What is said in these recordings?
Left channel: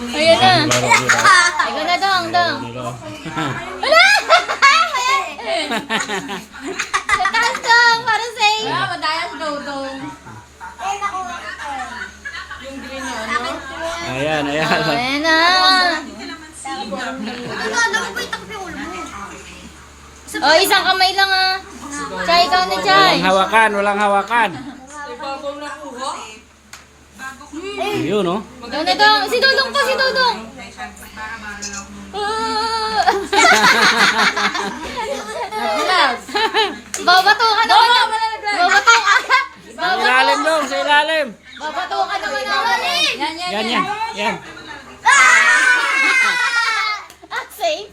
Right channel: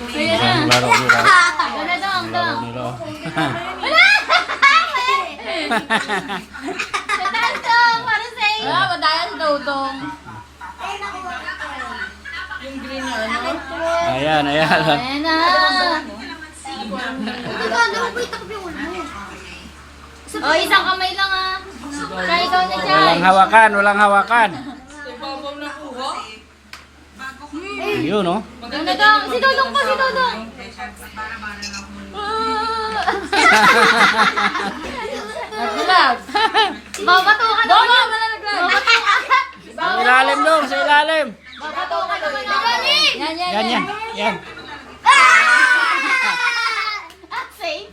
Ayan na. Laro nila. Ikaw na dong, dong. Nila. Wala! Sa taas dong, para sa iyo. Ah, madaya sa dodong. Yung green na ano? Ayan, ayan. Ayan na. Oh, isang kamay lang ah. Chay, ikaw na, Chay. Walang hawakan, walang hawakan. Ibabaw na kuha. Yun, no? Ikaw na dong. Si Dodong to, si Dodong. Relax. Babato ka na. Dodong, malalaglag. Sa ilalim dong, sa ilalim. Babato ka na. Rolling! Yan, yan, Yan, yan. Yan. Ah, safe.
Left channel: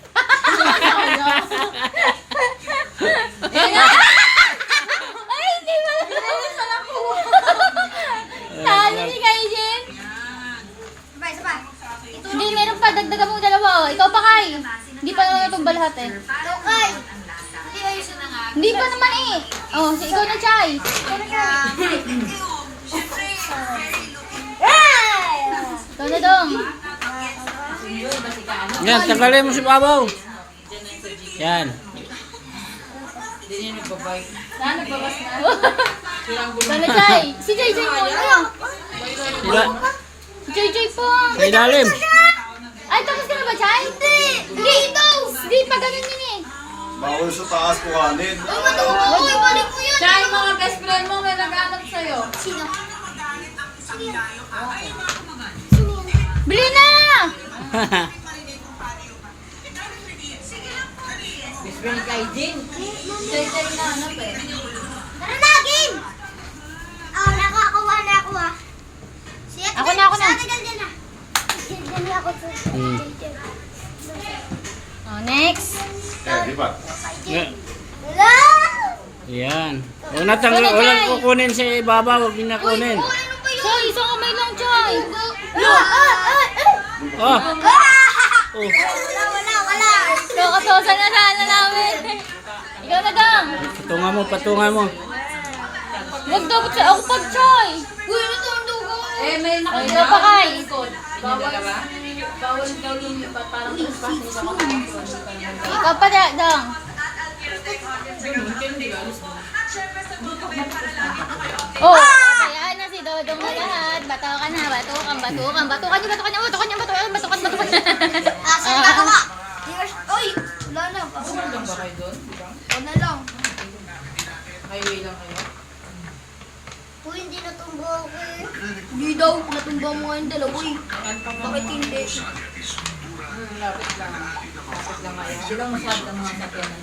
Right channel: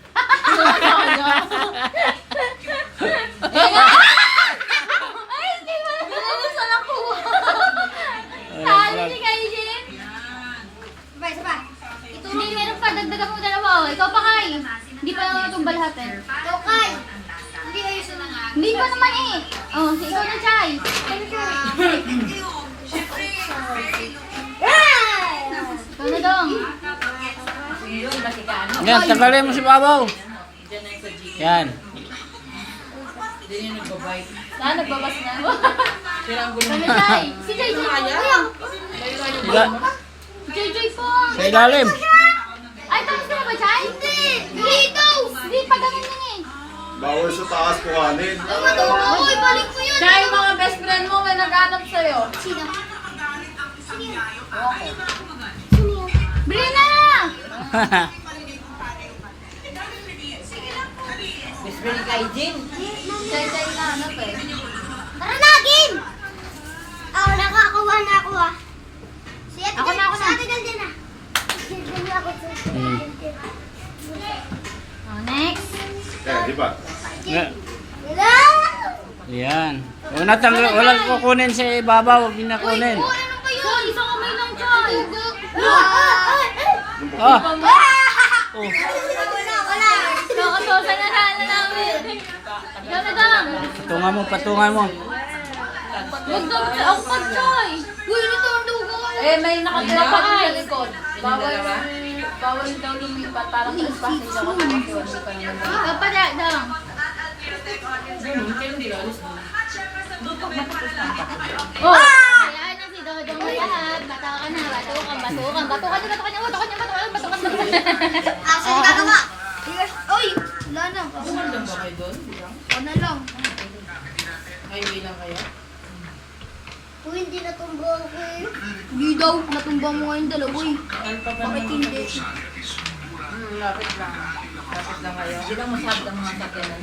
Ay, hindi mo. Nilisan ako. Talo si Kaijin. Hindi, meron pa. Dagdagan mo dalawa. Oh. Ikaw pa, Kai. Hindi pa naman itong lahat eh. Ikaw, Kai. Hindi pa naman eh. Oh, si ikaw na, Chay. Ikaw na, Dong. Yan, tagalin mo si Babaw. Yan. Saan? Nagbabas na. Ikaw na, Chay. Si Chay, Chay po. Yan. Si Chay, Chay po. Sa ilalim. Ay, tapos ka na ba, Chay? Hindi, ito. Hindi, pa ganun yun eh. Bawal sa taas kuhanin. Ay, matuwa. Uy, balik mo yun. Siya yung mga best friend mo may nag-aanap sa'yo. Sino? Bili na! Best friend kay Jin. Chay na hanap eh. Tara na, game! Oh, nakakuha na ako ah. Ako na, ako na. Din na. Din ako. Hmm. Oh, next. Di ba? Yan. Hello? Yan. Walang kukunin si Babaw, huwag niyo na kunin. Choy, isang kamay lang, Choy. Oh. Oh. Wala. Ikaw kasosa na sana namin. Ikaw na, Dong. Patungan mo, patungan mo. Huwag daw sa ako pa, Choy. Uy, ano to ang dugo? Eh, may nakatira Ikaw pa, Kai. Bawal daw lumipat. Parang trespassing daw kasi hindi pa naman. Ikaw pa, Dong. Oh, ayan na si Dodong na lahat. Bato ka na, batukan. Asan ka naman? Oy, wala na. Saan ba kayo doon? Wala lang. Highway lang kayo? Kung hindi natumbo ako eh. Hindi daw, natumba mo nga yung dalawa eh. Bakit hindi? Lapit lang. Lapit lang kayo. Hindi lang masyadong mga sakyanan.